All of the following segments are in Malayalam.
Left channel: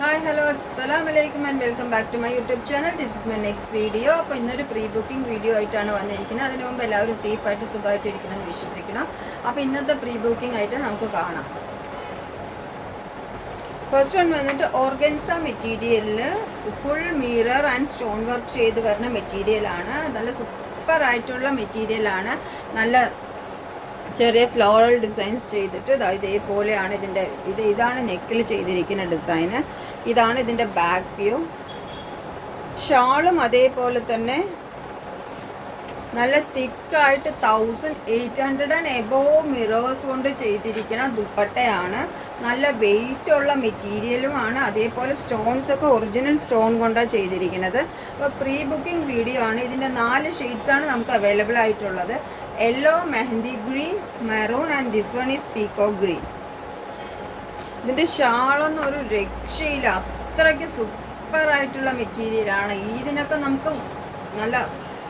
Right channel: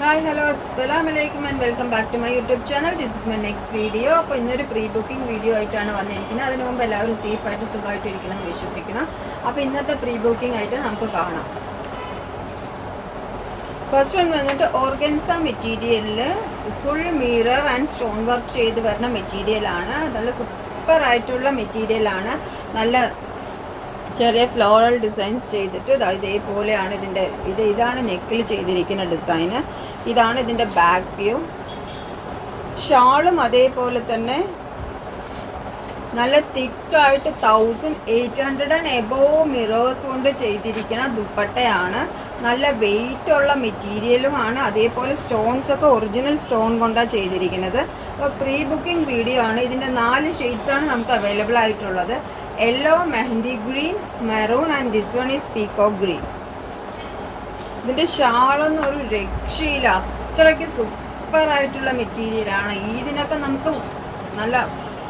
ഹായ് ഹലോ അസ്സലാമലൈക്കും and welcome back to my YouTube channel. This is my next video. അപ്പോൾ ഇന്നൊരു പ്രീ ബുക്കിംഗ് വീഡിയോ ആയിട്ടാണ് വന്നിരിക്കുന്നത്. അതിന് മുമ്പ് എല്ലാവരും സേഫായിട്ട് സുഖമായിട്ട് ഇരിക്കണം എന്ന് വിശ്വസിക്കണം. അപ്പോൾ ഇന്നത്തെ പ്രീ ബുക്കിംഗ് ആയിട്ട് നമുക്ക് കാണാം. ഫസ്റ്റ് വൺ വന്നിട്ട് ഓർഗൻസ മെറ്റീരിയലിൽ full mirror and stone work ചെയ്ത് വരുന്ന മെറ്റീരിയലാണ്. നല്ല സൂപ്പർ ആയിട്ടുള്ള മെറ്റീരിയലാണ്. നല്ല ചെറിയ ഫ്ലോറൽ ഡിസൈൻസ് ചെയ്തിട്ട് ഇതേപോലെയാണ് ഇതാണ് നെക്കിൽ ചെയ്തിരിക്കുന്ന ഡിസൈന്. ഇതാണ് ഇതിൻ്റെ ബാക്ക് വ്യൂ. ഷാളും അതേപോലെ തന്നെ നല്ല തിക്കായിട്ട് 1800 ആൻഡ് എബോവ് മിറേഴ്സ് കൊണ്ട് ചെയ്തിരിക്കുന്ന ദുപ്പട്ടയാണ്. നല്ല വെയിറ്റ് ഉള്ള മെറ്റീരിയലുമാണ്. അതേപോലെ സ്റ്റോൺസ് ഒക്കെ ഒറിജിനൽ സ്റ്റോൺ കൊണ്ടാണ് ചെയ്തിരിക്കുന്നത്. അപ്പോൾ പ്രീ ബുക്കിംഗ് വീഡിയോ ആണ്. ഇതിൻ്റെ 4 ഷെയ്ഡ്സാണ് നമുക്ക് അവൈലബിൾ ആയിട്ടുള്ളത്. Yellow, mehndi green, maroon and this one is peacock green. ഇതിൻ്റെ ഷാളൊന്നും ഒരു രക്ഷയില്ല, അത്രയ്ക്ക് സൂപ്പറായിട്ടുള്ള മെറ്റീരിയലാണ്. ഇതിനൊക്കെ നമുക്ക് നല്ല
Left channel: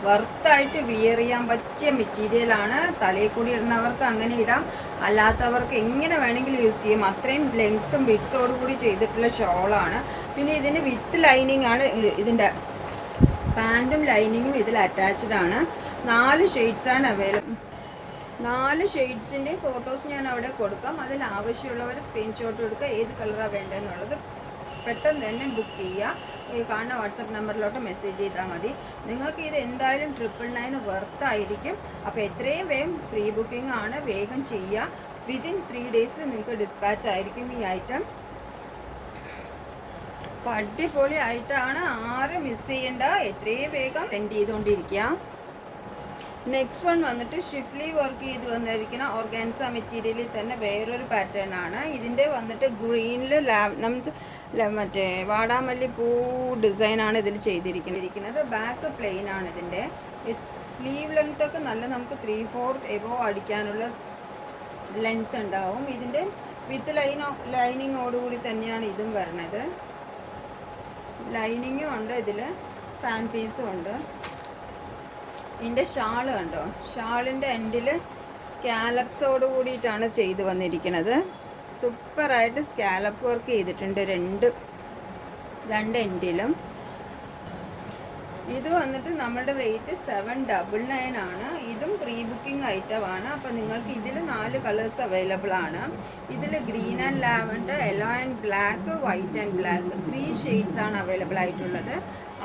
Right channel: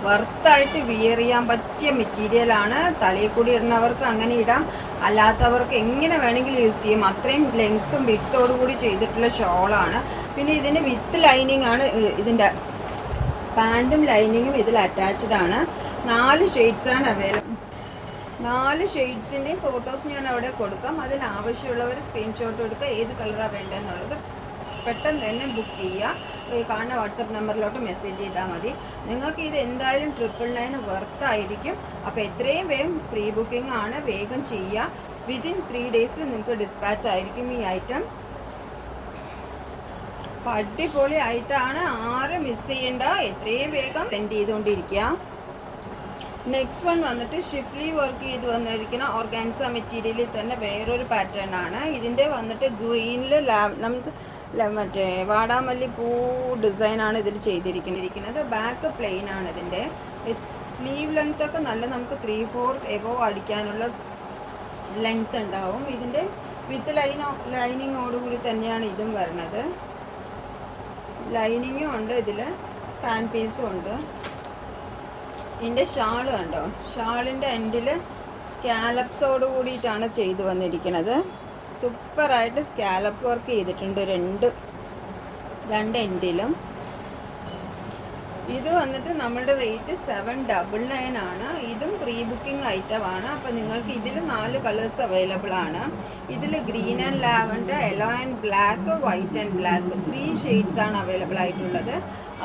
വർത്തായിട്ട് വിയർ ചെയ്യാൻ പറ്റിയ മെറ്റീരിയലാണ്. തലയിൽ കൂടി ഇടുന്നവർക്ക് അങ്ങനെ ഇടാം, അല്ലാത്തവർക്ക് എങ്ങനെ വേണമെങ്കിലും യൂസ് ചെയ്യാം. അത്രയും ലെങ്ത്തും വിഡ്ത്തോടു കൂടി ചെയ്തിട്ടുള്ള ഷോളാണ്. പിന്നെ ഇതിന് വിത്ത് ലൈനിങ് ആണ്. ഇതിൻ്റെ പാൻറ്റും ലൈനിങ്ങും ഇതിൽ അറ്റാച്ച്ഡ് ആണ്. 4 ഷെയ്ഡ്സാണ് അവൈലബിൾ. 4 ഷെയ്ഡ്സിൻ്റെയും ഫോട്ടോസ് ഞാൻ അവിടെ കൊടുക്കാം. അതിൽ ആവശ്യമുള്ളവർ സ്ക്രീൻഷോട്ട് എടുക്കുക. ഏത് കളറാണ് വേണ്ടതെന്നുള്ളത് പെട്ടെന്ന് തന്നെ ബുക്ക് ചെയ്യുക. കാണുന്ന വാട്സപ്പ് നമ്പറിലോട്ട് മെസ്സേജ് ചെയ്താൽ മതി. നിങ്ങൾക്ക് ഇത് എന്തായാലും 999 വർത്തായിരിക്കും. അപ്പോൾ എത്രയും വേഗം പ്രീ ബുക്കിംഗ് ആണ്, വേഗം ചെയ്യുക. വിതിൻ 3 ഡേയ്സിൽ നിങ്ങൾക്ക് ഡിസ്പാച്ച് ആയിരിക്കും ഈ ഐറ്റം. അപ്പോൾ അടിപൊളി ആയിട്ടാണ്, ആരും മിസ് ചെയ്യണ്ട. എത്രയും വേഗം സെൻഡ് ചെയ്തുകൊണ്ടിരിക്കുക. നെക്സ്റ്റ് വൺ വന്നിട്ട് ഷിഫ്ലി വർക്ക് ചെയ്ത് വന്നിരിക്കുന്ന ഓർഗാൻസ മെറ്റീരിയലിൽ തന്നെ വേറൊരു പാറ്റേൺ ആണ്. ഇതിൻ്റെ വന്നിട്ട് ഗ്രീനിൽ നമുക്ക് മറ്റേ വാടാമല്ലി പൂ ഡിസൈനാണ് ഇതിൽ ചെയ്തിരിക്കുന്നത്. ബാക്ക് പ്ലെയിൻ ആണ്. ഇതിൻ്റെ സ്ലീവ് ലെങ്ത് ഒക്കെ നല്ല നമുക്ക് 3/4 എബോവ് അടിക്കാനുള്ള ലെങ്ത് ഉണ്ടാവും. ഇതിൻ്റെ വിത്ത് ലൈനിങ്ങോടുകൂടി തന്നെയാണ് ഇതും വരുന്നത്. ലൈനിങ്ങും ഉണ്ട്, ഇതിൽ ഫാൻ പീസും ഉണ്ട്. ഇതിൻ്റെ ഷാള് കണ്ടോ, ഷാളിൻ്റെ എൻഡിൽ സ്കാലപ്സോട് കൂടിയിട്ടാണ് ചെയ്ത് വന്നിരിക്കുന്നത്. സൂപ്പറായിട്ട് സ്കാലപ്പ് വർക്ക് ചെയ്തിട്ടുണ്ട് രണ്ട് എൻഡിലും. ഇത് വന്നിട്ട് നമ്മുടെ റേറ്റ് 799 ആണ്. ഇതും പ്രീ ബുക്കിംഗ് ഐറ്റമാണ്. അപ്പോൾ നിങ്ങൾക്ക് ഇതിൽ 4 കളേഴ്സ് അവൈലബിൾ ആണ്. ഇതിൽ green and lavender, yellow and black, white and black 3 shades ആണ് അവൈലബിൾ ആയിട്ടുള്ളത്.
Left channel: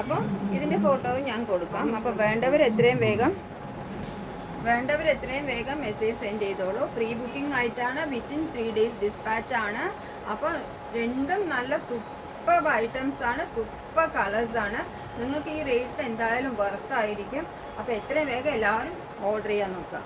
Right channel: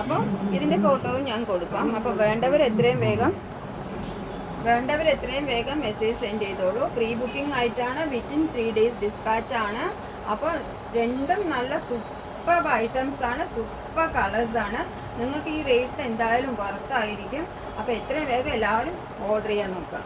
അപ്പോൾ ഇതിൻ്റെ ഫോട്ടോവും ഞാൻ കൊടുക്കാം. അപ്പോൾ വേണ്ടവർ എത്രയും വേഗം മെസ്സേജ് സെൻഡ് ചെയ്തോളൂ. പ്രീ ബുക്കിംഗ് ആയിട്ടാണ്. വിത്തിൻ 3 ഡേയ്സ് ഡിസ്പാച്ച് ആണ്. അപ്പോൾ രണ്ടും നല്ല സൂപ്പർ ഐറ്റംസ് ആണ്, സൂപ്പർ കളേഴ്സ് ആണ്. നിങ്ങൾക്ക് ഈ റേറ്റിന് എന്തായാലും വർത്തായിരിക്കും. അപ്പോൾ എത്രയും വേഗം എല്ലാവരും ഓർഡർ ചെയ്യാൻ നോക്കുക.